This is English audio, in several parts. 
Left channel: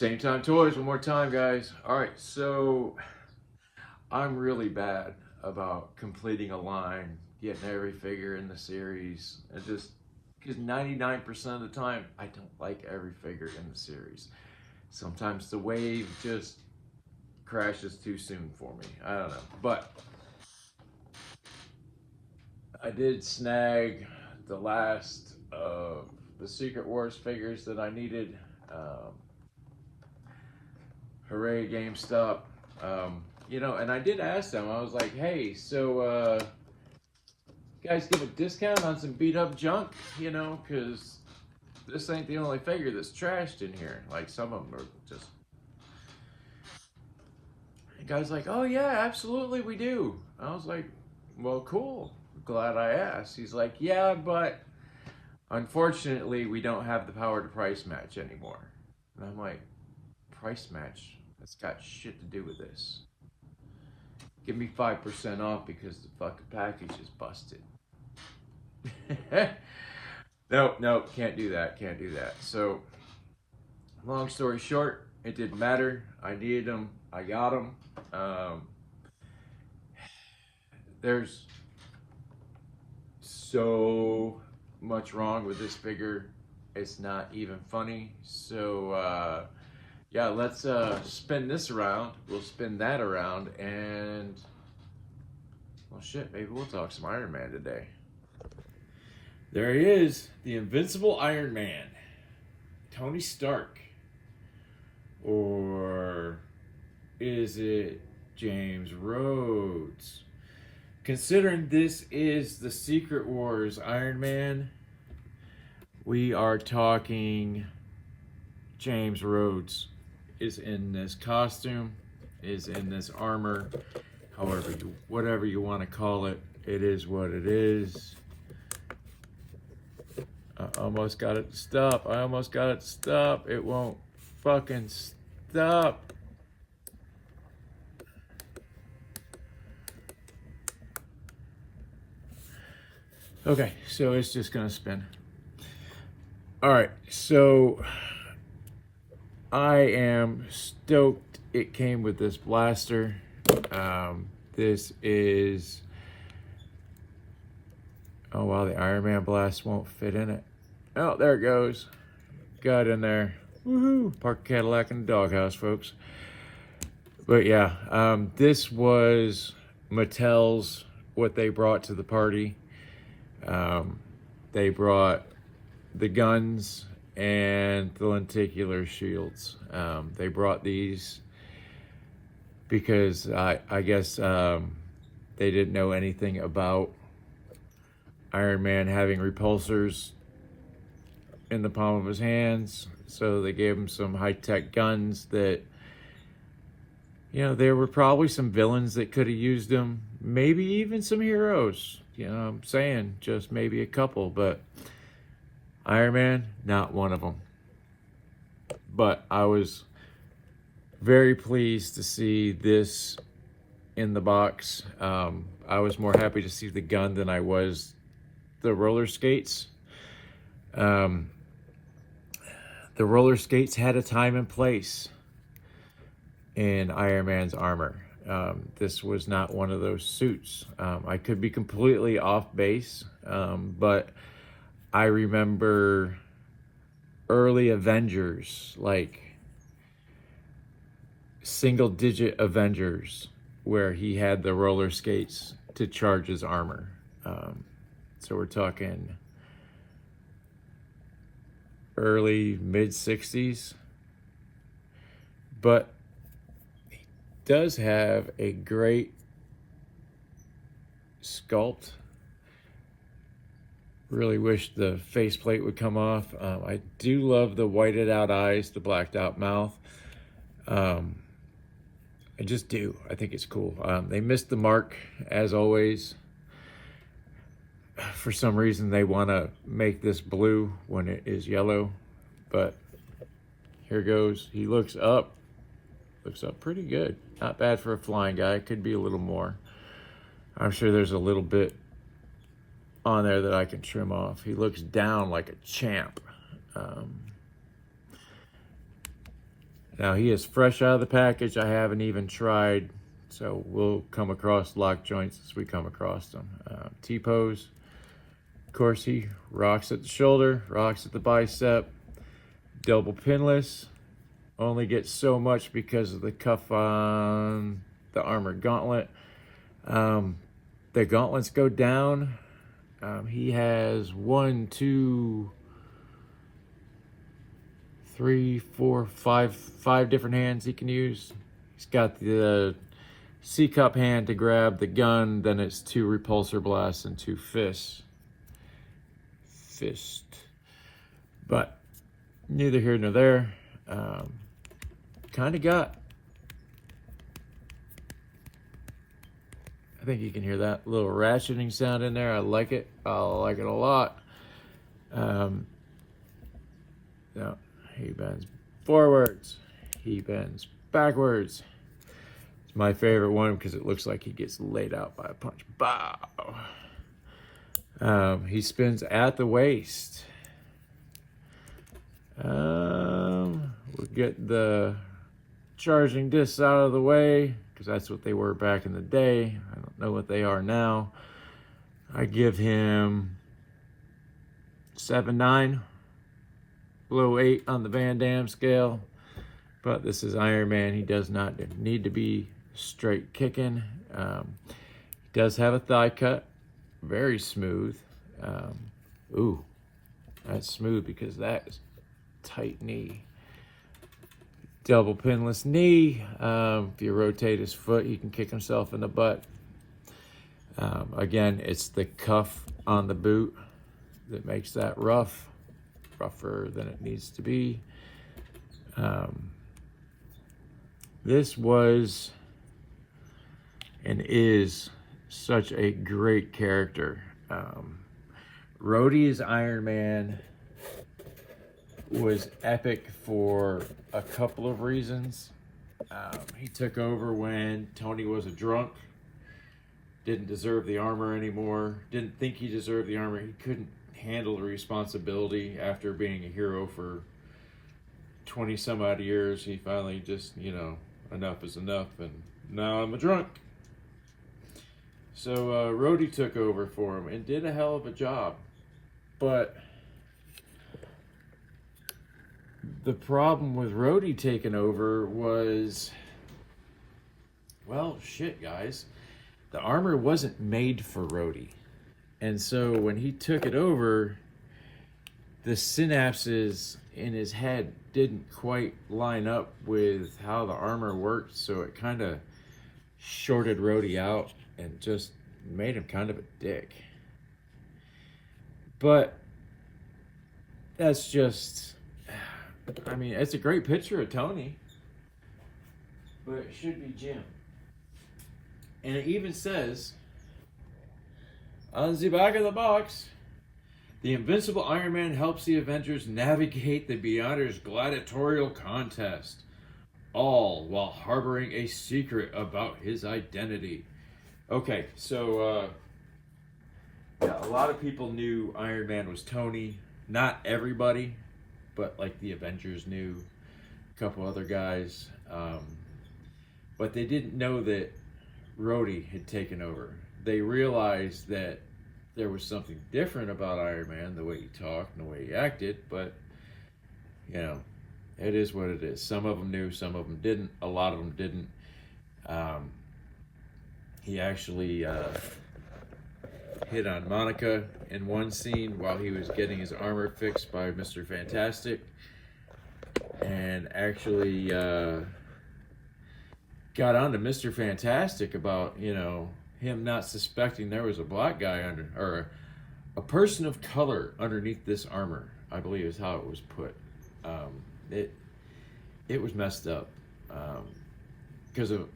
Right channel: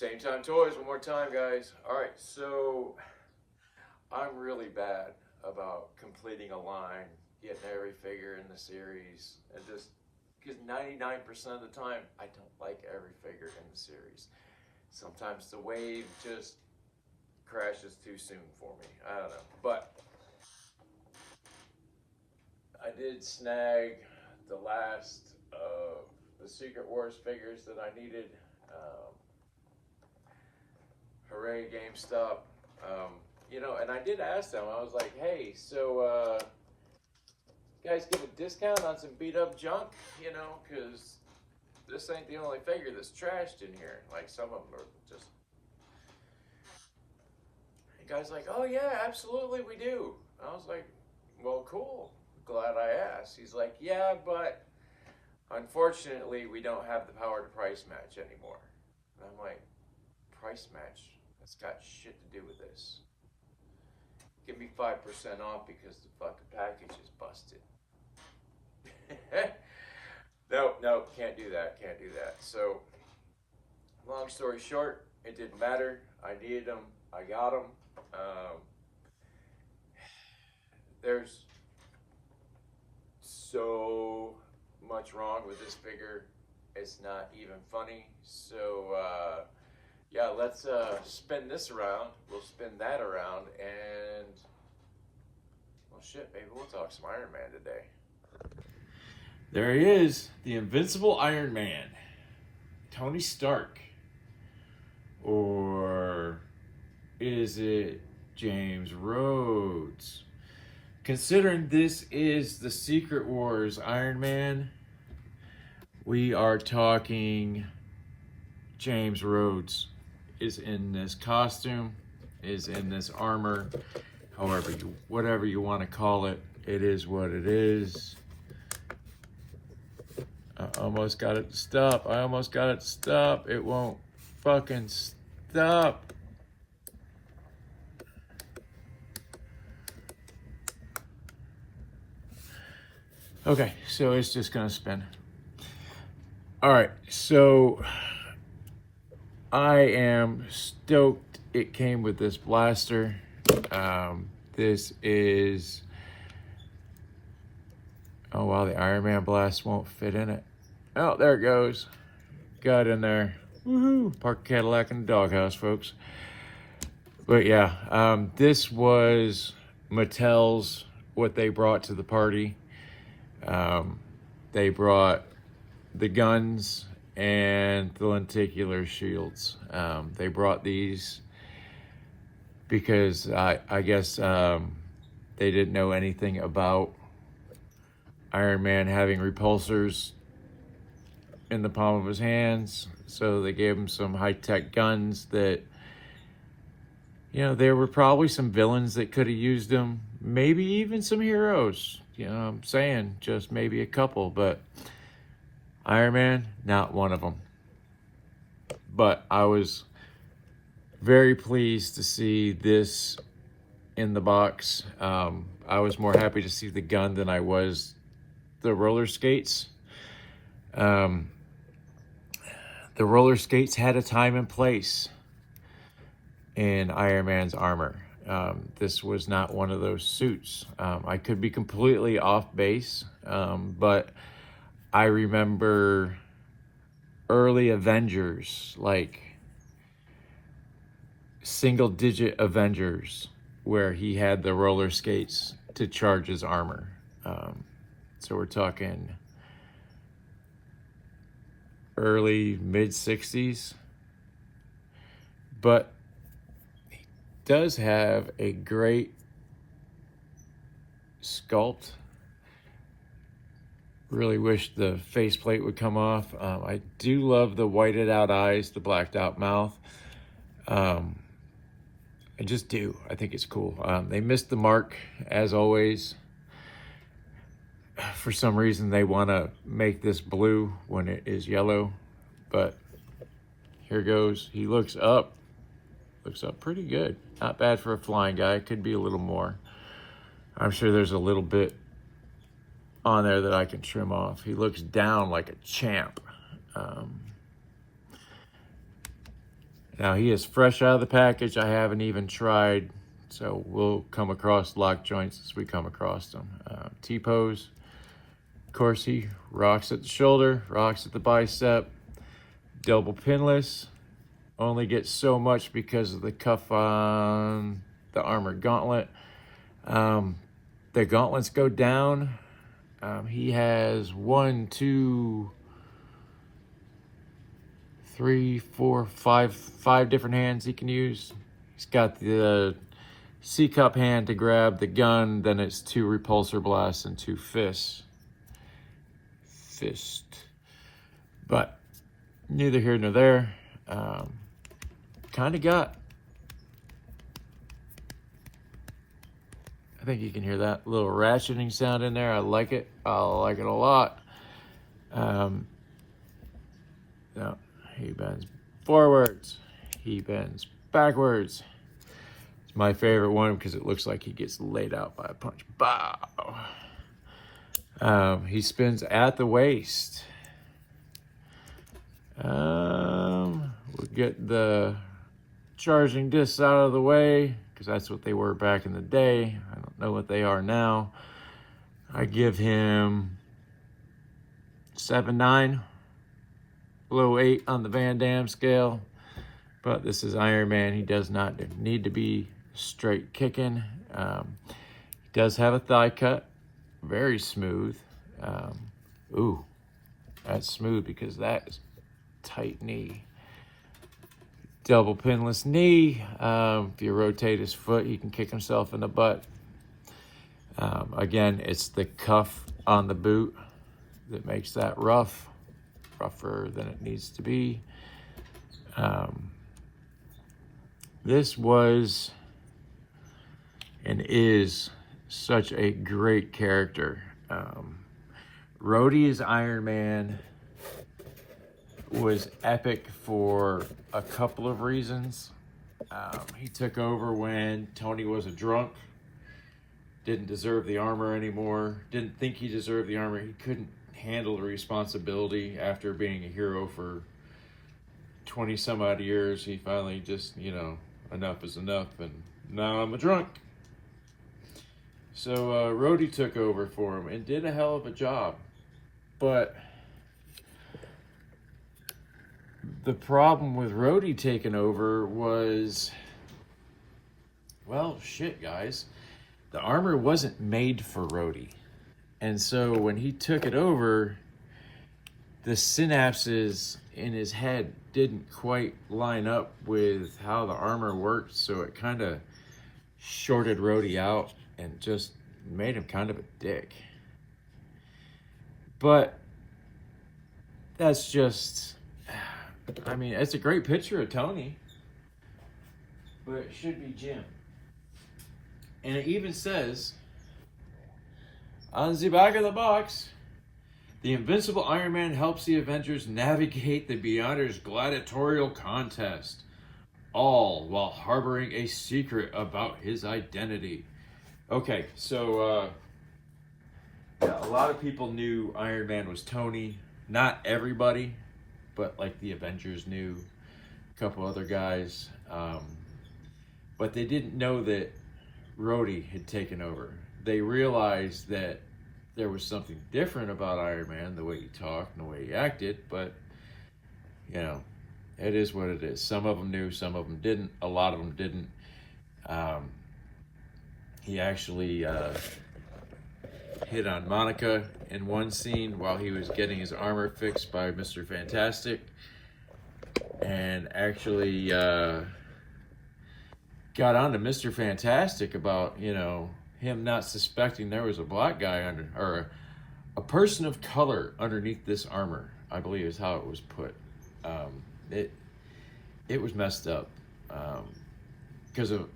Same Time Toys, one more time, guys. All right, so I'm really bad about completing a line, getting every figure in the series, and just because 99% of the time, I don't like every figure in the series. Sometimes the wave just crashes too soon for me. I don't know. But I did snag the last of the Secret Wars figures that I needed. Um, Hooray, GameStop. And I did ask them, I was like, hey, so you guys give a discount on some beat up junk? Because this ain't the only figure that's trashed in here. Like, some of them are just. The guy's like, oh, yeah, absolutely, we do. I was like, well, cool. Glad I asked. He's like, yeah, but unfortunately, we don't have the power to price match anymore. And I'm like, price match? That's got shit to do with this. Give me 5% off because the fucking package is busted. No, can't do that. Can't do that. So, long story short, it didn't matter. I needed them. I got them. There's so much wrong with this figure. It's not even funny. So, yeah, let's spin this around. We'll spin that around, and well, shit, maybe we'll talk some Iron Man today. There he is, the Invincible Iron Man, Tony Stark. Or is it James Rhodes? Considering this is the Secret Wars Iron Man, we are talking James Rhodes is in this costume, is in this armor, whatever you want to call it. It is what it is. I almost got it to stop. It won't fucking stop. Okay, so it's just gonna spin. All right, so I am stoked it came with this blaster. This is, oh wow, the Iron Man blast won't fit in it. Oh, there it goes. Got in there. Woohoo! Park Cadillac in the doghouse, folks. But yeah, this was Mattel's, what they brought to the party. They brought the guns and the lenticular shields. They brought these because I guess they didn't know anything about Iron Man having repulsors in the palm of his hands, so they gave him some high-tech guns that, there were probably some villains that could have used them, maybe even some heroes, I'm saying just maybe a couple, but Iron Man, not one of them. But I was very pleased to see this in the box. I was more happy to see the gun than I was the roller skates. The roller skates had a time and place in Iron Man's armor. This was not one of those suits. I could be completely off base, but I remember early Avengers, like single-digit Avengers, where he had the roller skates to charge his armor. So we're talking early, mid-60s. But he does have a great sculpt. Really wish the faceplate would come off. I do love the whited out eyes, the blacked out mouth. I just do. I think it's cool. They missed the mark, as always. For some reason, they want to make this blue when it is yellow. But here goes. He looks up. Looks up pretty good. Not bad for a flying guy. Could be a little more. I'm sure there's a little bit on there that I can trim off. He looks down like a champ. Now he is fresh out of the package. I haven't even tried, so we'll come across lock joints as we come across them. T-pose, of course, he rocks at the shoulder, rocks at the bicep. Double pinless, only gets so much because of the cuff on the armored gauntlet. The gauntlets go down. He has 1, 2, 3, 4, 5 different hands he can use. He's got the C-cup hand to grab the gun, then it's 2 repulsor blasts and 2 fists. But neither here nor there. Kind of got, I think you can hear that little ratcheting sound in there. I like it. I like it a lot. Yeah, he bends forwards. He bends backwards. It's my favorite one because it looks like he gets laid out by a punch. Bow. He spins at the waist. We'll get the charging discs out of the way because that's what they were back in the day. I don't know what they are now. I give him 7-9, below 8 on the Van Damme scale. But this is Iron Man. He does not need to be straight kicking. He does have a thigh cut, very smooth. Ooh, that's smooth because that is tight knee. Double pinless knee. If you rotate his foot, he can kick himself in the butt. Again, it's the cuff on the boot that makes that rougher than it needs to be. This was and is such a great character. Rhodey as Iron Man was epic for a couple of reasons. He took over when Tony was a drunk, didn't deserve the armor anymore, didn't think he deserved the armor. He couldn't handle the responsibility after being a hero for 20 some odd years. He finally just, enough is enough, and now I'm a drunk. So Rhodey took over for him and did a hell of a job. But the problem with Rhodey taking over was, well, shit, guys. The armor wasn't made for Rhodey. And so when he took it over, the synapses in his head didn't quite line up with how the armor worked. So it kind of shorted Rhodey out and just made him kind of a dick. But that's just, I mean, it's a great picture of Tony, but it should be Jim. And it even says on the back of the box, the invincible Iron Man helps the Avengers navigate the Beyonders gladiatorial contest, all while harboring a secret about his identity. Okay, so yeah, a lot of people knew Iron Man was Tony. Not everybody, but like the Avengers knew, a couple other guys. But they didn't know that Rhodey had taken over. They realized that there was something different about Iron Man, the way he talked and the way he acted, but, it is what it is. Some of them knew, some of them didn't. A lot of them didn't. He actually hit on Monica in one scene while he was getting his armor fixed by Mr. Fantastic, and actually got on to Mr. Fantastic about, him not suspecting there was a black guy under, or a person of color underneath this armor, I believe is how it was put. It was messed up because of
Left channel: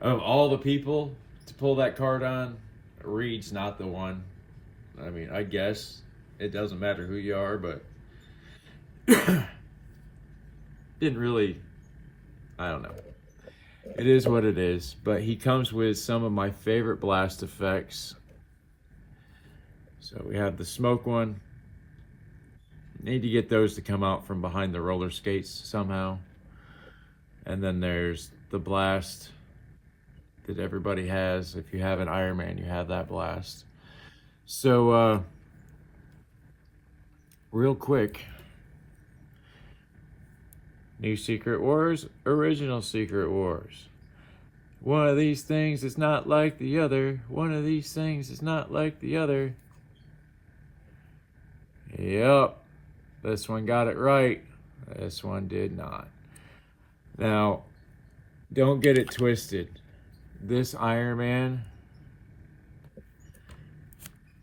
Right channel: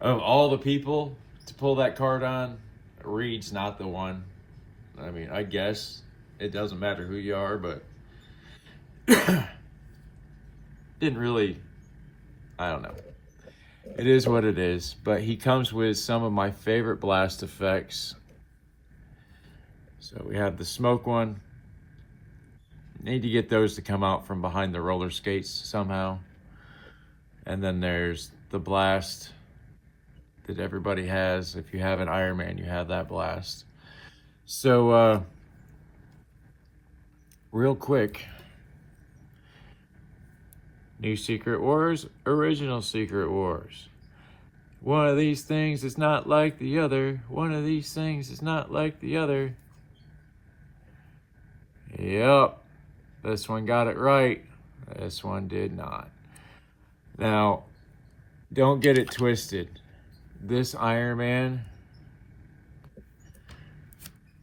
all the people to pull that card on, Reed's not the one. I mean, I guess it doesn't matter who you are, but didn't really, I don't know. It is what it is, but he comes with some of my favorite blast effects. So we have the smoke one. Need to get those to come out from behind the roller skates somehow. And then there's the blast that everybody has. If you have an Iron Man, you have that blast. So, real quick, new Secret Wars, original Secret Wars. One of these things is not like the other. One of these things is not like the other. Yep, this one got it right. This one did not. Now, don't get it twisted. This Iron Man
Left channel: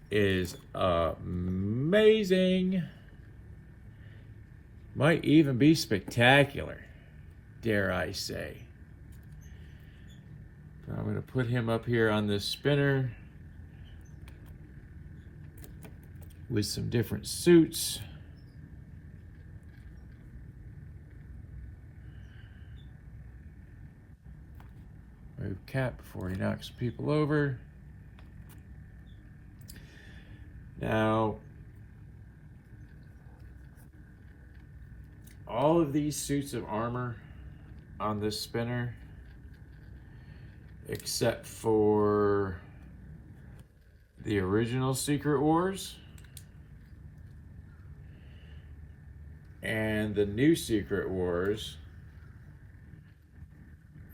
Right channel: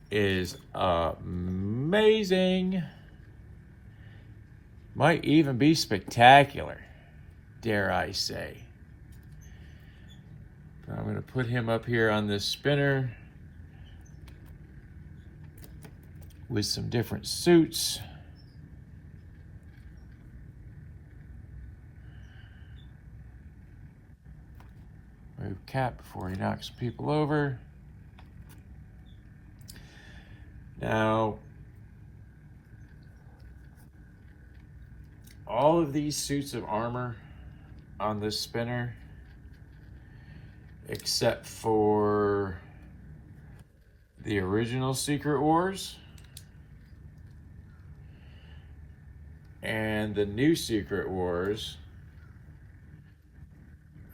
is amazing. Might even be spectacular, dare I say. I'm going to put him up here on this spinner with some different suits. Move Cap before he knocks people over. Now, all of these suits of armor on this spinner, except for the original Secret Wars and the new Secret Wars,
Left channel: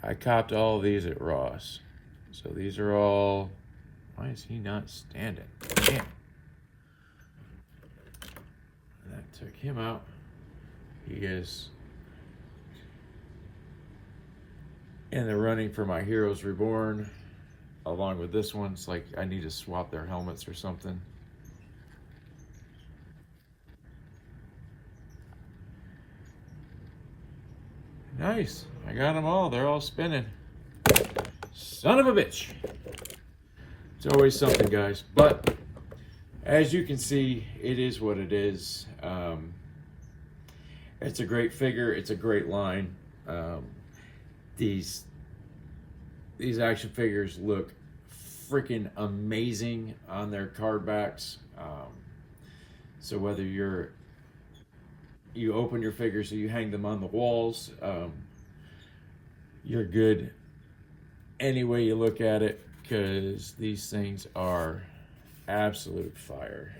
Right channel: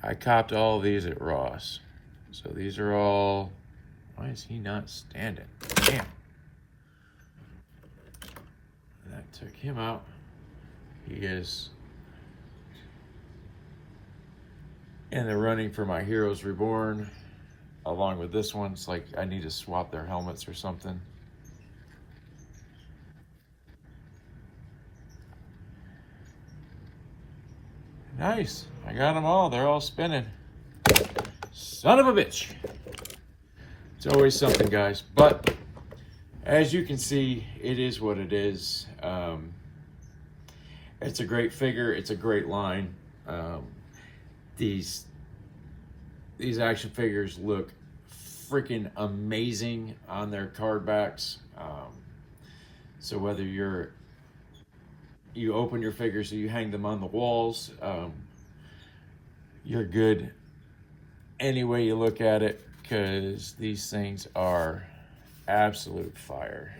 I copped all of these at Ross. So these are all, why is he not standing? Damn. That took him out. He is in the running for my Heroes Reborn, along with this one. It's like I need to swap their helmets or something. Nice, I got them all. They're all spinning. Son of a bitch. It's always something, guys. But as you can see, it is what it is. It's a great figure. It's a great line. These action figures look freaking amazing on their card backs. So whether you open your figures or you hang them on the walls, you're good any way you look at it, because these things are absolute fire.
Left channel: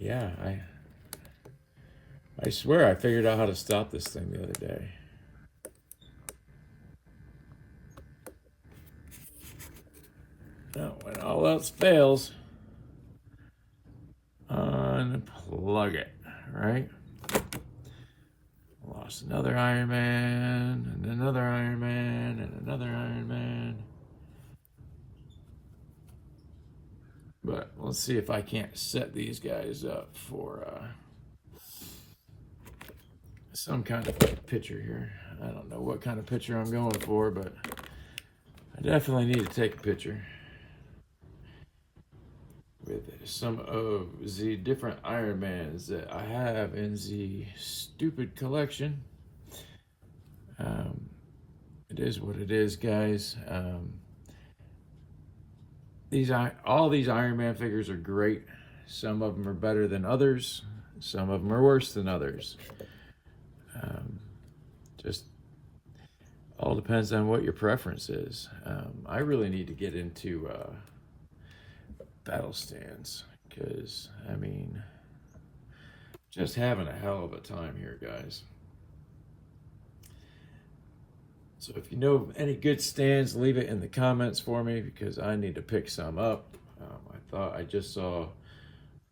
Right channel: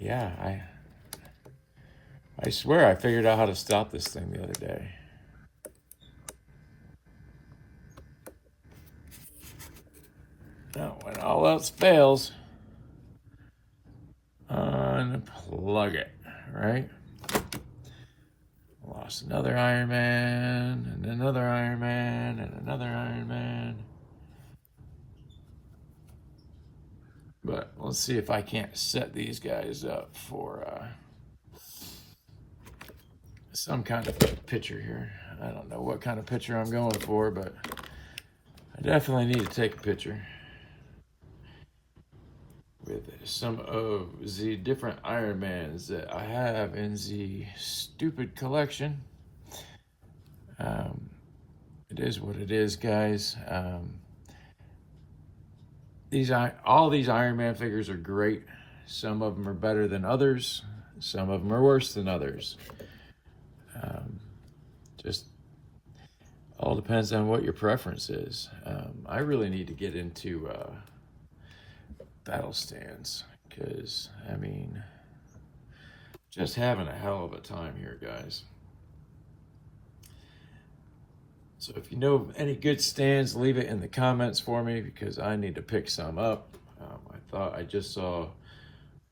Yeah, I swear I figured out how to stop this thing the other day. Now, when all else fails, unplug it, right? Lost another Iron Man, and another Iron Man, and another Iron Man. But let's see if I can't set these guys up for some kind of picture here. I don't know what kind of picture I'm going for, but I definitely need to take a picture with some of the different Iron Mans that I have in the stupid collection. It is what it is, guys. All these Iron Man figures are great. Some of them are better than others. Some of them are worse than others. Just all depends on what your preference is. I really need to get into battle stands, because I mean, just having a hell of a time here, guys. So if you know any good stands, leave it in the comments for me, because I need to pick some up. I thought I just saw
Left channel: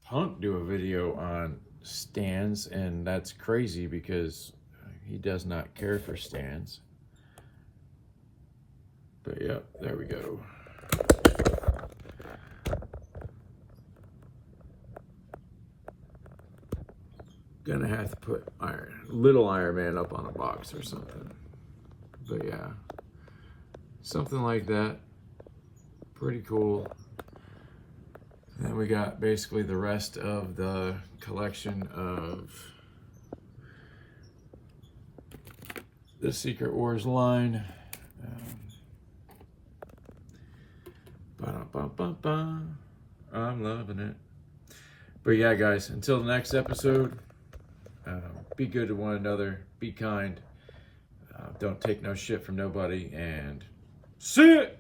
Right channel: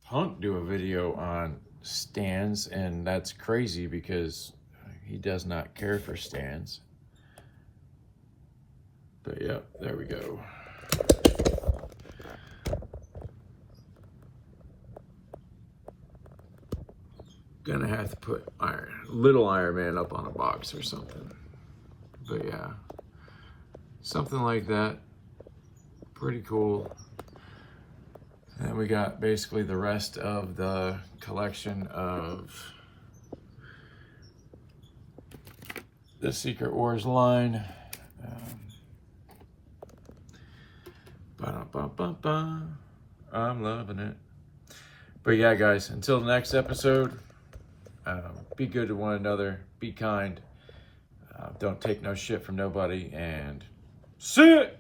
Punk do a video on stands, and that's crazy because he does not care for stands. But yeah, there we go. Gonna have to put little Iron Man up on a box or something. But yeah, something like that. Pretty cool. And we got basically the rest of the collection of the Secret Wars line. I'm loving it. But yeah, guys, until the next episode, be good to one another, be kind, don't take no shit from nobody, and see it!